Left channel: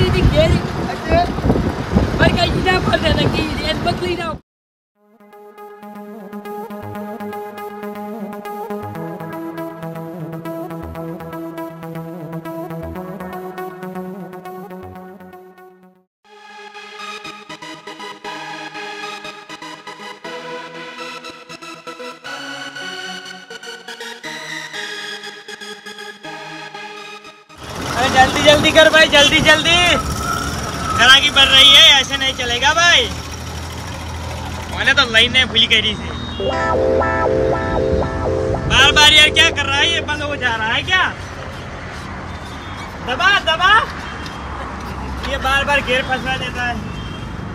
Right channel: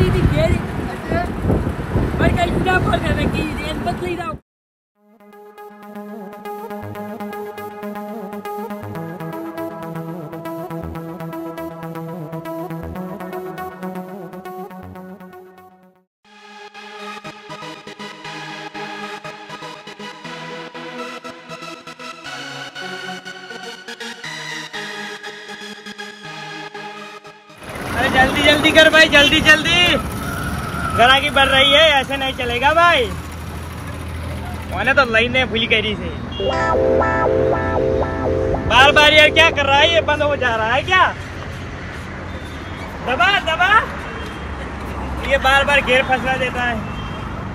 जल्दी थी घेर पर कहीं ना पर जाना कि रेल बदली ना जल्दी जल्दी कर भाई, जल्दी जल्दी, जरा की बढ़ रही है, ऐसे नहीं चलेगा भाई। मैंने तो लाइन ने भूल करी थी। बार बार यार क्या कर रहा है ये, बंद हो जा रहा है क्या? दबा दबा, ये बार बार घेर फंसा देता है।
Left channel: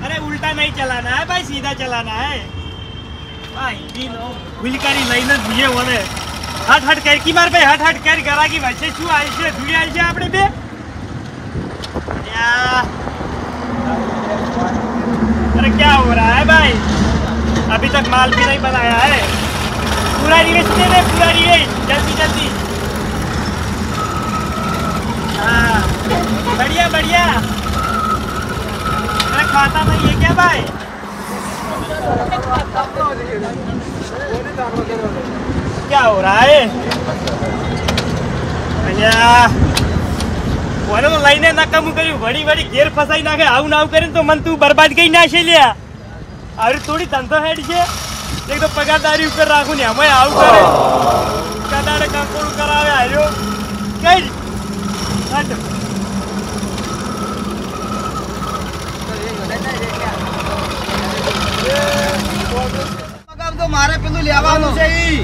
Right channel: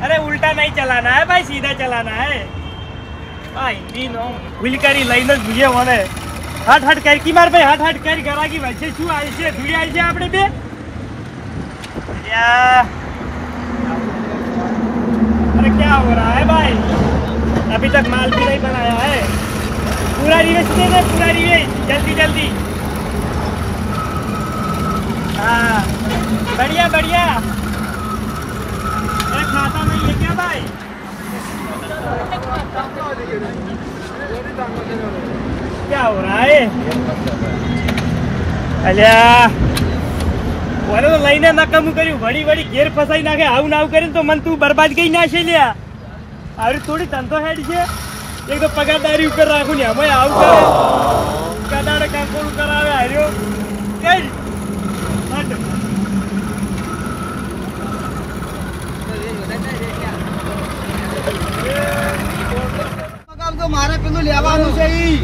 अरे उल्टा नहीं चलाना है भाई, सीधा चलाना है भाई। तीनों भूल करी लाइन भूलिया मैंने। हट हट कर की मार भाई, हट हट कर करा की वैसे शू आई से धुड़ी आई से आपने पे या। अरे क्या हो रहा है भाई, अभी तक माल भी नहीं बनाया है। पूरा रिवेश दे दे, पूरा रिवेश जल्दी जल्दी। हाँ बढ़िया बढ़िया। अरे खाता नहीं है क्या भाई? क्या हो रहा है? अल्या वनो तो लाइने ना कम कर्યું, बड़ी बड़ी घेर फसाई नाखे। आવું ના કરીને તો મન તું બરબાદ ગઈ ના છે લ્યા। અરે થોડી ધંધો હેડ છે, એક તો પગારદારી ઉપર રાખું ને અમે આવું કરે કદાડે કાંકોડું કરાવે હાર્યો કઈ હટ। તો મારે પેલું લેવાનું છે ઈ।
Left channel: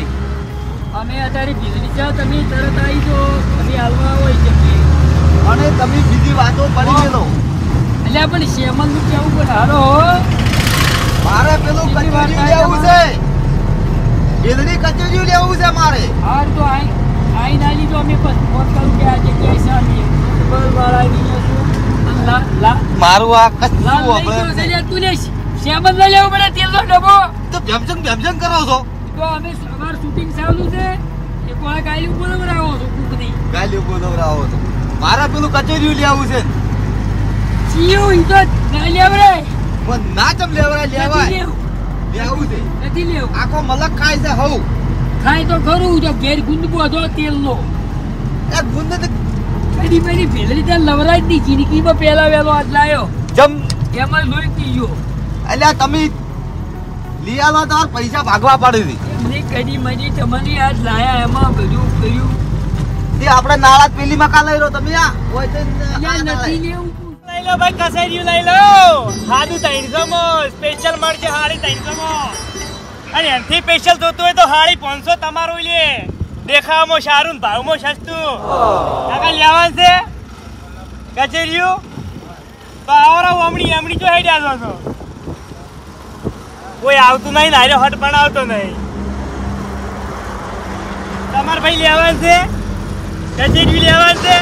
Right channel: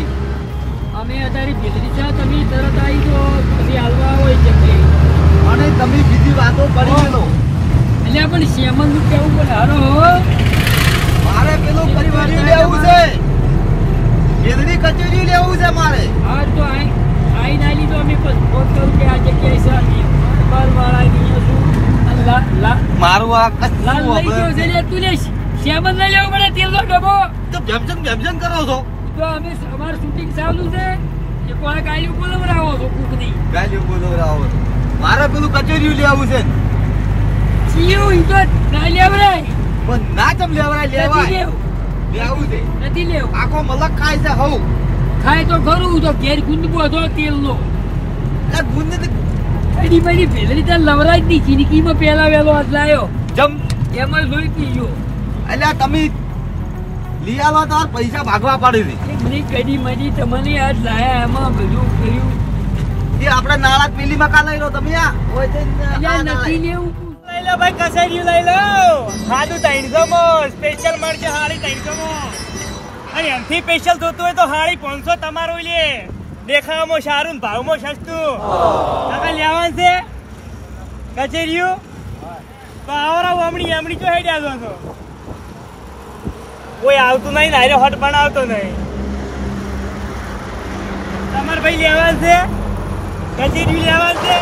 અમે અત્યારે બિજલી છે, તમે તરત આવી જો પછી હાલવા હોય છે અને તમે બીજી વાતો પડી ગયો એટલે પણ શેમન નું કેવું પણ હારો મારે પેલું કચોરિયું લેવું છે, બિજલી કચોરિયું લેવું છે મારે। આજ તો આઈ ના લીધો અમે ફોન કરું કે આ જગ્યાએ સારી બલ વાળા ની છું મારું આ કચ્છું લઈ ગયો છે લે તું લે શેમન લઈ લેવું પડે તેલ નો ડબ્બો। તો ભેમજન કરો છો તો અમે અમાર શૂટિંગ ચાલુ છે એ કોણ ગાયલું બોલવરાવો છો કુકડી ગાલી બોલવરાવો છો। મારે પેલું કચોરિયું લેવું છે સીયું ઈ તો ના લેવડે પણ ના ચમ લેવાય લેવાય લેવું છે નથી લેવું। આખો મલક ખાય છે હઉ ખાય તો ખરું તો ઘેર ગુંદબો હતો તેલ નો એ ગુંદ ને કડી પડી ભેલરી તો લવરાજ ની જિંદગીમાં પહેલા વેલો આજ લાયો જમ એમાં લોહી પીયો। એટલે તમે લઈ આવો તો પૈસા ભાગવા પડે છે। મને કડી મજી તમને આજ લાયા એમાં બધું કર્યું તે આપણે નાળા પેલી મકા લઈ રહ્યો તમે આ હોય તો નથી લેવું। લઈ લો ભાઈ, કસેરિયું લઈ લો, સાદું 300 માં સ્પેશિયલ મળશે હાડી 300 માં। અને એમથી સ્પેશિયલ જોતું હોય તો હાડી 500 તમારું લે। દેખાવામાં સારું ને ભાવમાં સસ્તું। કાકા લેવાનું છે કચેરિયું તો આવરા ઓમણી એમણી જો હેડ્યા છો છો કોઈ આવતું નહીં ને હારે હટ બનાવતો નહીં। તમારે ભાઈ લેવાનું છે કચેરિયું લેવાનું છે?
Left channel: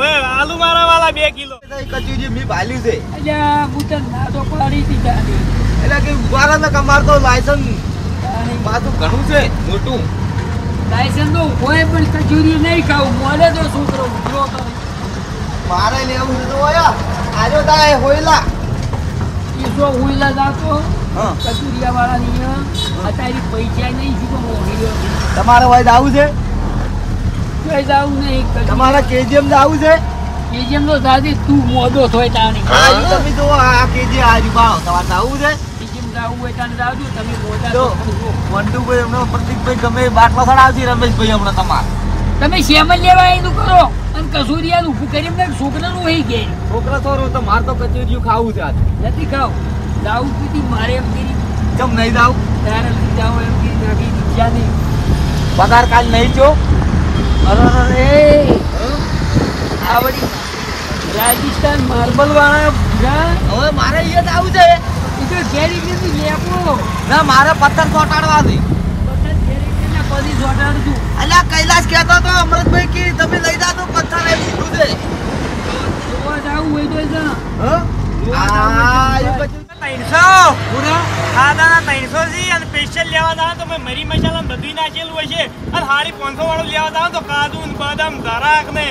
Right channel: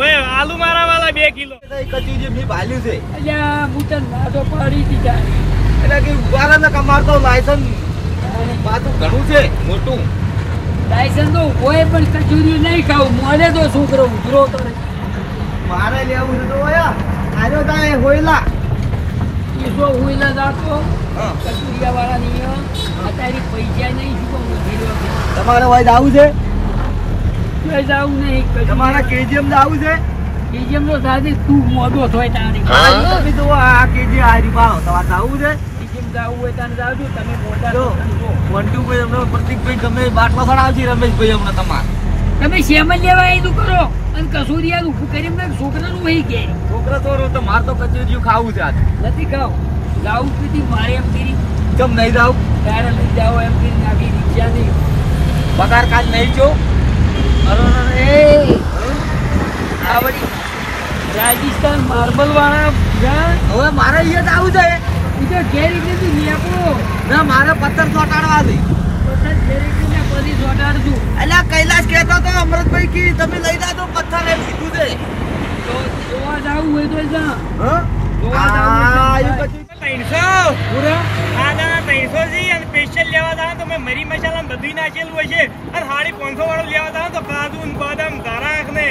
ઓય આલુ મારા વાલા 2 કિલો કચોરી મેં ભાલ્યું છે અલ્યા હું તો ના તો પાડી દીધા એટલે કે ઉભારાને કમાર તો લાયસન્સ પાછું ઘણું છે મોટું। લાયસન્સ તો હોય પણ કચોરી નહીં ખાવું મોડે તો છોકરો ઉભરો તો મારે લેવું છે તમારા આજો તાય હોયલા એ જો હુઈલા જાતો કચોરિયા વાળાની અત્યારે પૈસા નહીં સીધો મોઢેલો તમારે વાય આવું છે તો જાવું નહીં તમારા કેજીએમ આવું છે કેજીએમ તો દાદી તું મોડો થોય તાણી તમે તો આ કેજી આજી મારો તમારે આવું છે કેજીએમ જાવું હોય તાને જાવજો તમે મોડા જો તો મોન્ટુભાઈ એમનો પ્રતિકભાઈ ગમે બાટ પાછળ આવશે રમેશભાઈ હમણાં તમારે તમે શેમન લેવા એનું કરો અને કસોરિયાનું ઊભું કરી મને છોકરાનું હોય કે છોકરા તો તો મારે તો કચોરીયું ખાવું છે આજે નથી ખાવ લાવું પીધી મારે એમ કરી કેમ નહીં જાવ તારે લઈ જાવ એમ કરી નાખી દીધા નહીં પગાર કાલ નહીં જો અરે આ બધી રાજસ્થાન માર્બલ વાળા હવે મારે અહીંયા જ આવું છે એ તો જેરી દીધી લેવું ના મારે પથ્થર ચોટાડવા છે બધા જેરી દીધી પડી ચોટાડતું અલ્યા કૈલાસ કહેતો તો અમૃતભાઈ કે તમે લઈ જા તો પથ્થર એ લીધું છે તો જોવા જાવું હોય તો જા હા આ એ પછી 300 પૂરા ખાના 300 જી અને સ્પેશિયલ લેવા જાવ તો મેં મરી મસાલા બધું નાખેલું હશે અને હાડી 500 વાળું લેવા જાવ તો કાજુ ને બદામ ધરાક ને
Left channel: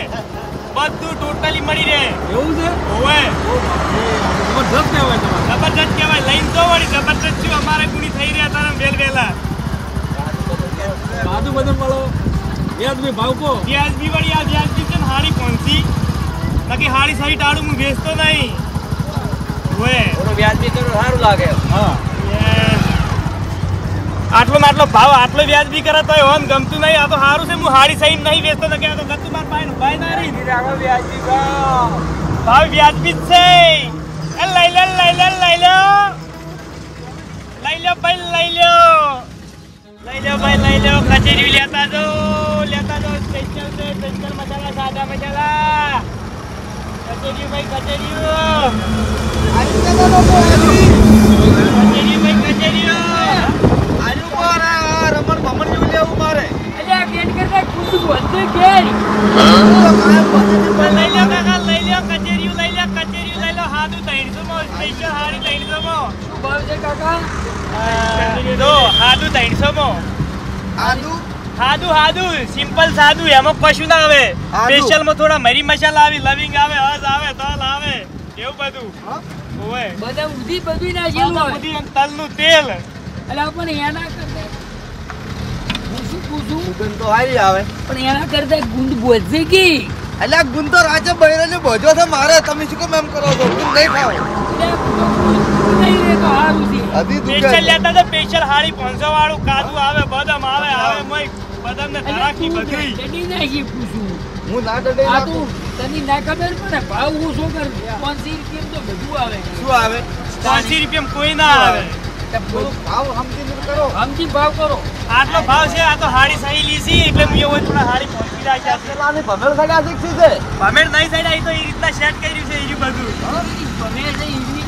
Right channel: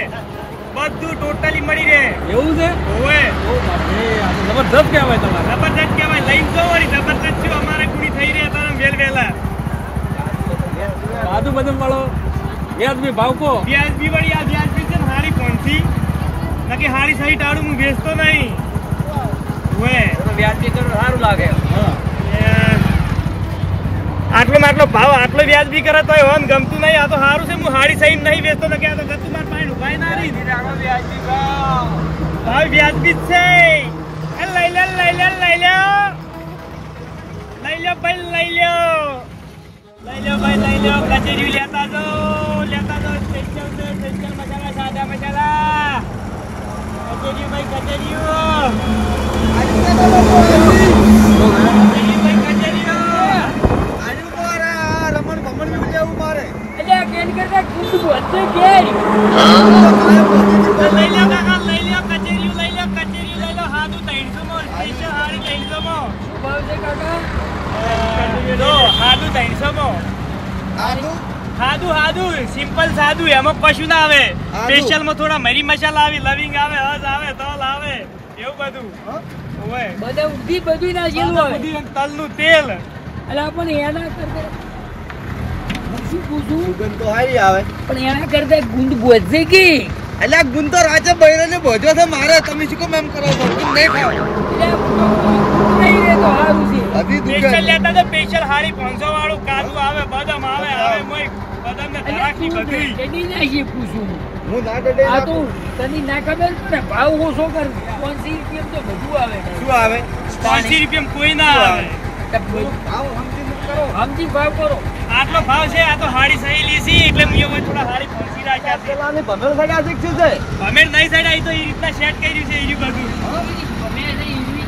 બધું ટોટલી મળી રહે. એવું છે? ઓવે. ઓ બાપ રે, આ તો જબરજસ્ત કહેવાય તમારે. જબરજસ્ત કહેવાય. લઈને જો વળી જબરજસ્ત છું અમારે ગુણી થઈ રહ્યા તારા વેલ વેલા. સાદું બધું મળો. વ્યાજબી ભાવ કો. વ્યાજબી વળી આ વ્યાજબી છે ને હાડી પહોંચી. નકી હાડી સહી ટાળું હું વેચતો નહીં. ઓવે. વ્યાજબી તો સારું લાગે. હા. આટલો આટલો ભાવ આટલો વ્યાજબી કરે તો હોન ગમતું નહીં. આ તો સારું છે હું હાડી સહી નહીં વેચતો નથી. આ તો ગતું માર પાણી ઉભાઈ ના રહી. વ્યાજબી ભાવ વ્યાજબી જ છે. લઈ લે લઈ લે લઈ લે લઈ લો ભાઈ લઈ લો લઈ લો ભાઈ લઈ લો. કચેરી લેતા જો સ્પેશિયલ છે સ્પેશિયલ મસાલા સાદા મસાલા કચેરી ભાઈ કચેરી રમણ ભમણ જેવું લેવું મારે. અલ્યા કેન કરતા ગુંદ બોલતો કેરી. લઈ લે કાકા લઈ લે કચેરી લઈ લે કચેરી લઈ લે. હાદું 300 માં સ્પેશિયલ હાડી 300 માં. શું ભાવ છે કાકા? જો હાદું 300 માં. હાદું સિમ્પલ સાદું એમાં કશું ના આવે. સ્પેશિયલ માં થોડા મરી મસાલા આવે લવિંગ આવે હજ આવે તલ આવે એવું બધું. ઓય બધા ઉધી બધું નાખેલું હોય. ઉધી અને તલનું તેલ. અલ્યા પણ એના કરતા હું શું પૂછું? સુગંધ તો હારી આવે. પણ એના કરતા ગુંદ બોધે કે અલ્યા ગુંદ તો રાજે બૈરાને બોજો છે મારે. તમે શું કેમ એમ કરો છો? ગુંદ નહીં ખાવ. નહીં રે તો સારું છે. અધી સ્પેશિયલ દુકાન લેતા તો સ્પેશિયલ હાડી 500 વાળું કાજુ આવે બદામ આવે મોય બદામ ને અલ્યા તરાકી તું બધી. ચડી નાખી પૂછું. હું ના ડડે આ તો તને ના ખબર પડે ભાવ ઓછો કર. 500 રૂપિયા તો બધું આવે. શું આવે? 500 રૂપિયામાં કોઈ ના આવે. ભાવ સમજીને કરો. સમજી ભાવ કરો. આટલો ભાવ છે. આ તો હાડી સહી લીધી એટલે મેં એવું થોડા હાડી પહોંચી રાખ્યા છે. પેલાની ભમેલ સગા શીખ્યું છે. ભમેડ નહીં સાઈડ આવી તો એ રીતના સેટ કર્યું છે એ બધું. ગમે તે ઈવી.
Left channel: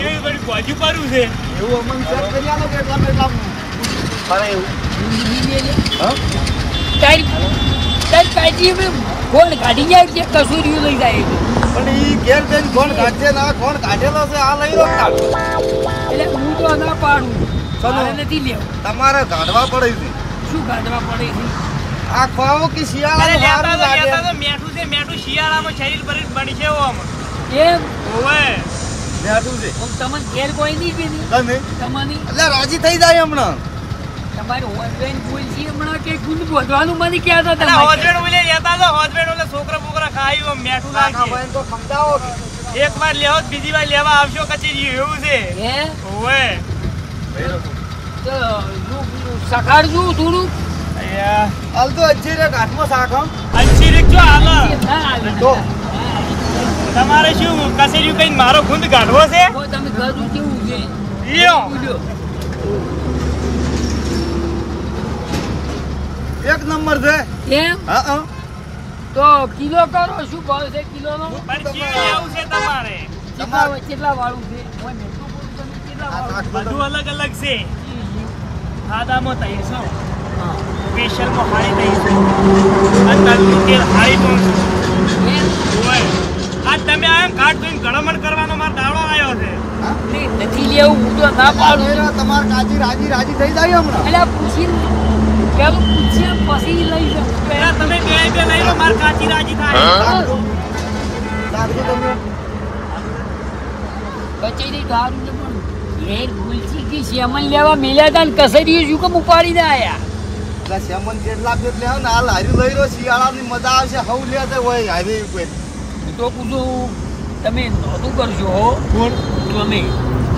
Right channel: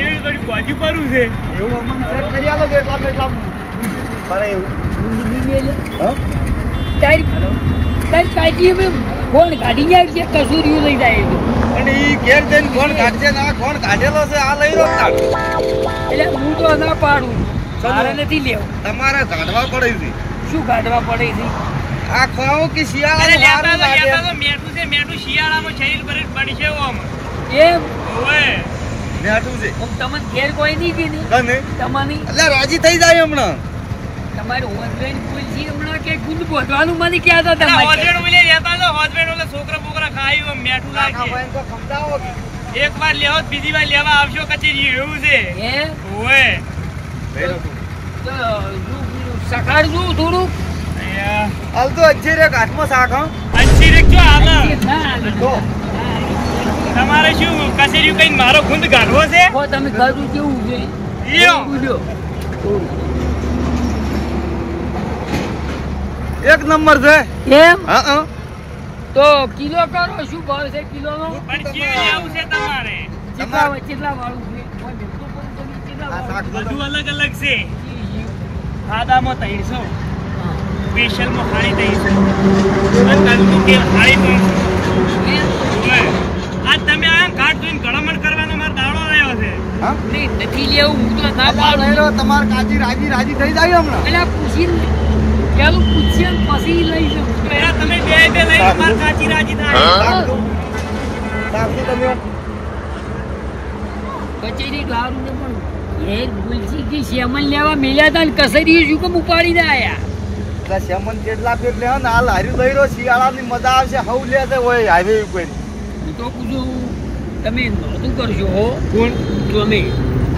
એવી બધું બાજુ પરું છે. એવું અમને સેટ કરી આલો કે એટલા મારે એવું. ગુંદ બી લે લે. હા? તારી કાઢી અમે ફોન કાઢી જાય છે કસૂરિયું લઈ જાય છે. પણ ઈ ઘેર જઈને કોણ કાઢશે ના કોણ કાઢેલો છે આ લઈ લો. એટલે હું તો ના પાડું. મારે નથી લેવું. તમારે કાઢવા પડે છે. શું કાઢવા પડે છે? આ ખાવું કે શિયાળાનું સારું લાગે. મેઠું છે મેઠું શિયાળામાં શરીર પર બની છે ઓમ. એમ ઓવે બેઠું છે હું તમને ઘેર કોઈ નહીં કે નહીં કને તમારી એટલે રાજી થઈ જાય હમણાં. તમારી હોસ્બેન્ડ બોલશી હમણાં કે ગુંદ બોધવાનું મને કહેતા હતા તમારે. હોજવેણ ઉલે લેતા તો હોજવેણ ઓલો છોકરા બોકરા ખાયું મેઠું કાકા લાગે. ભાઈને તો સમજાવો. એક વાર લેવો બીજી વાર લેવા આવશો કચેરી એવું છે. હે ઓવે ભેરો તું. તો સકાળજું થોડુંક. હાલ તો અચ્છી રે ઘાટમાં શાક હં. અંશી રીક્ષો હાલે. ના હાલે. તો તમારે શું કચેરી કઈ મારો ગુંદ કાઢવો છે? હો, તમે ખાધું કેવું છે? ઈયો. બોલ્યો. એક નંબર છે. એમ હા હા. તો કિલો કરો. શું ભાવ છે કિલોનો? પણ કેવું લેવું છે તમારે? કેટલા વાળું છે? ઓય મેઠું પૂરું તમે કેટલા આ વાળું? શાક બધું અલગ અલગ છે. સાદામાં 300 સ્પેશિયલમાં હાડી 300 અને તલનું તેલ હાડી 300. એમ? ઓય આ તમે આ ઘાટ જોઈને ગણમણ કરવાનો મારો દાડો આવ્યો છે. હા? નહીં, નથી લેવું. હું તો ના આ લઈ પાડું. લો તમારે કાજી રાજી થઈ જાય હમણાં. અલા પૂછીને પેલું પૂછીએ પછી લઈ જાઉં. પેલા તમે બે લઈ લો માર કાચી રાજી થાય. શાક તો તમે કચેરી દારૂ ને પણ ઘેર ગુલસી કે શેમન લેવા મેલ્યા હતા ને કસરી શું કેમ ઉપાડીને આયા? એટલે સેમન કેટલા પેટ લે ને હાલ હાર્યું લઈ રહ્યો શિયાળાની મજા આવશે હવ લે છે હોય હારે કોઈ હું તો પૂછું તમે નોતું કરશો હો કોણ તમે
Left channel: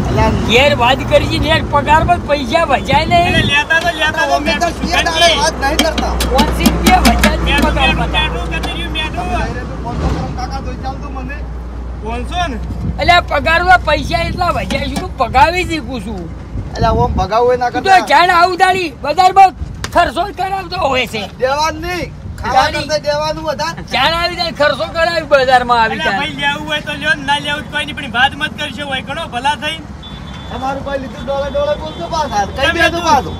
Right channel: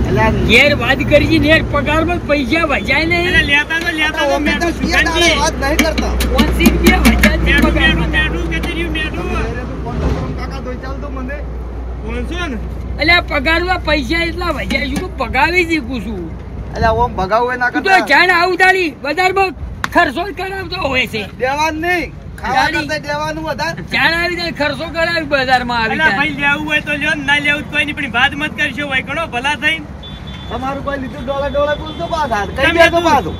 એટલે ઘેર વાત કરી ને પગારમાં પૈસા વજાય એટલે ને લેતા તો અમે તો શિયા દાડે વાત નહીં કરતા. 500 રૂપિયા વજાય મેઠું પગારમાં. કચેરી મેઠું કાકા જોઈ ચાલતું મને 500 ને એટલે પગારમાં પૈસા એટલા વજાય શું કે પગાવી શીખું છું. એટલે ઓમ ભગાવું ના તું તો કરતા જાણ આવું તારી બજારમાં ખર્ચો જ કરાવતો હોય છે. દેવાનું નહીં ખાવા કરતા દેવાનું વધારે. જાણ આવી જાય ખર્ચો કરાવી બજારમાં આવી એટલે જાય. ભાઈ લેવું હોય તો લ્યો ને ના લેવું તો કોઈ નહીં પણ વાત મત કરશો ભાઈ ઘણો ભલા થઈ તમારું કોઈ લીધું ડોળે બોલતો પાછા કઈ દે તો પાછું.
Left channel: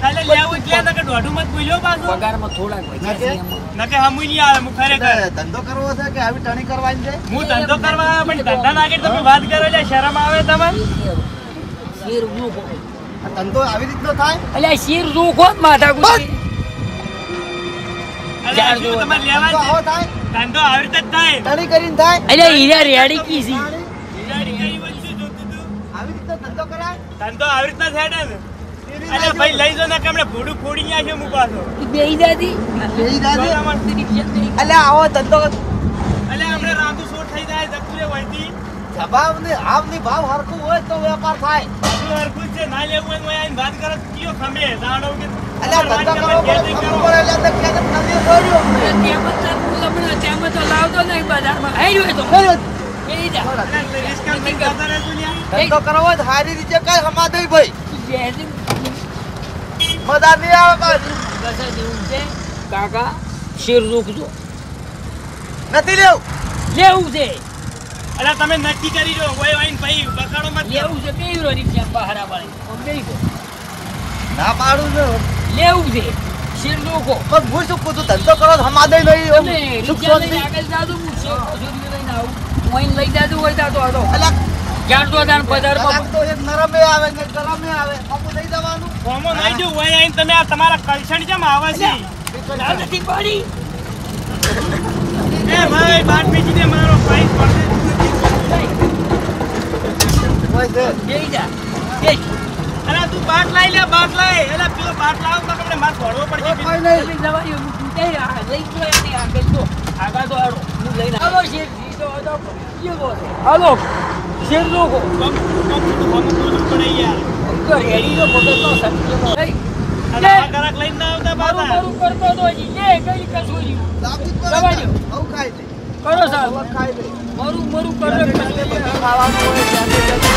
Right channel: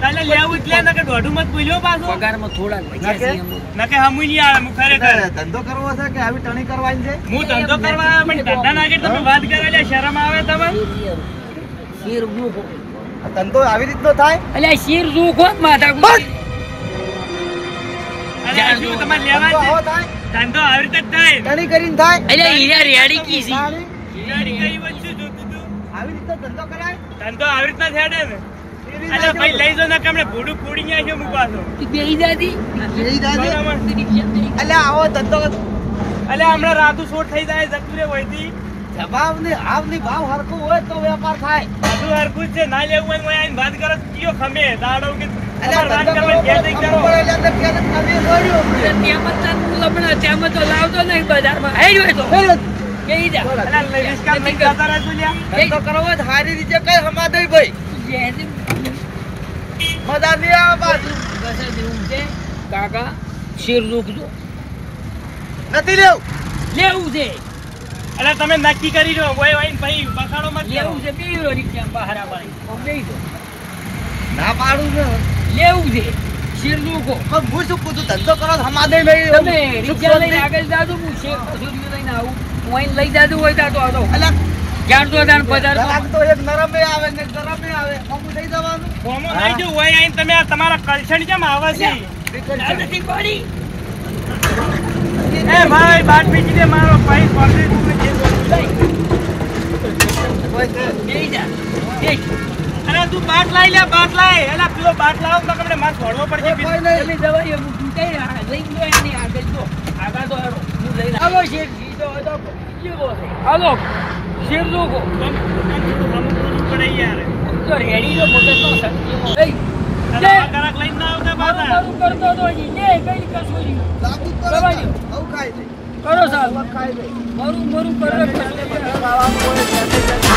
તાલે લેવું એટલે ના કે દોઢું મત બોલ્યો પાછો પગારમાં થોડાક વજાય છે એમાં. ના કે હમું નહીં આવે હું ખરેખર એટલે ધંધો કરવો છે કે આવી ટણી કરવાની છે. હું ધંધો કરવા આવ્યો પણ ધંધા ના આગળ તમે વાત કરો એટલે શરમ આવે તમને શેર જોખો આ ધંધો આવી રીતનો થાય. એટલે શેર જોખો જ માથા બસ. અરે શું તમારે લેવા આવો છે થાય ધંધો આવી રીતે જ થાય તણી કરીને થાય એટલે હીરા રેડી કી છે હીરાની કઈ વસ્તુ જોતું તું આવી રીતે ધંધો કરાય ધંધો આવી રીતના થયા ને એવી અરે ના ભાઈ લઈ જાઓ ને કમણે ભૂડું ફોડી નાખ્યો મૂકવાતો બેહી જાતી બેહી જાય અલ્યા આવો ધંધો અલે હમણાં રાતું શોટ થઈ જાય જકુરે વહીથી જવાબની આવની ભાવ હરખું હોય તો વેપાર થાય બધું હરખું જ છે ના લેવું હોય તો આઈને વાત કરો તો કયો ખમે દાડો કે અલ્યા તમારે વાત ધંધો કરવા કરવો ઘેર જઈને કરો પડે એટલે તો ખેતર નદી જોડ્યું હમણે ત્યાં બધા હું લમણા ત્યાં તો લાવતો નહીં બજારમાં હે જોય તો બેહી જા અલા લઈશ કામ નહીં કરતા રહે તું લ્યા ધંધો કરવો જ હારી રીતે કઈ હમા દઈ ભાઈ જેથી મજા નહીં આવે ભાઈ દશા જેવું છે કાકા શેર રોકજો નથી લેવું લેવું છે અલે તમે નક્કી કરી લો કોઈ વાઈન ભાઈ બખાડો મત કરો. લેવું છે બે યુરો રિક્ષા બહાર વાળી આમ લઈ ગયો ના પાડું છે લેવું છે શેર રોકો પણ હું શું પૂછું ધંધો કરો તો હમા દઈ નહીં તમે રિક્ષા લઈને આગળ જાજો હું શેર કસોરી લઈને આવું હું અહીં લઈ જાજો હોય તો આતો અલ્યા જાણતો જાણ બજારમાં કલાક તો એક નરમે આવે ને ગરમે આવે હમું દઈ દેવાનું ફોમો નહીં જો હોય આઈને તમે આ તમારા કલછણ કેમ આવે છે ના નથી પડી એ ભાઈ બાટ પીટી દે મારો ભાઈ પકડી હોય છે બેહી જા બેહી અરે તું બાટ લઈ લે બાટ લઈ એલા પેલો બાટ લાવ તો આપણે માર છોડવો પડશે કોઈ નહીં તમે જવાય હું પૂછે લઈ ગયો એની આગળ તો આગળ તો હાલો હું લઈને આવો શેર જીતો હોય તો કેવો છે હાલો શેર રોકો કમ થોડું હમ બોલવું પડે યાર તો રેડી જો મોટો તો સંજ્ઞામાં લઈ અરે આ ગરક લઈને ના આવતા મારું પાછા મારું કરતો તો હજી લે કઈ કસોરી લાગુ જ જવા પડે દ્યો. આવું ખાય છે કરો સાહેબ અલગ ખાય છે મારું મારું કરો વાળાનું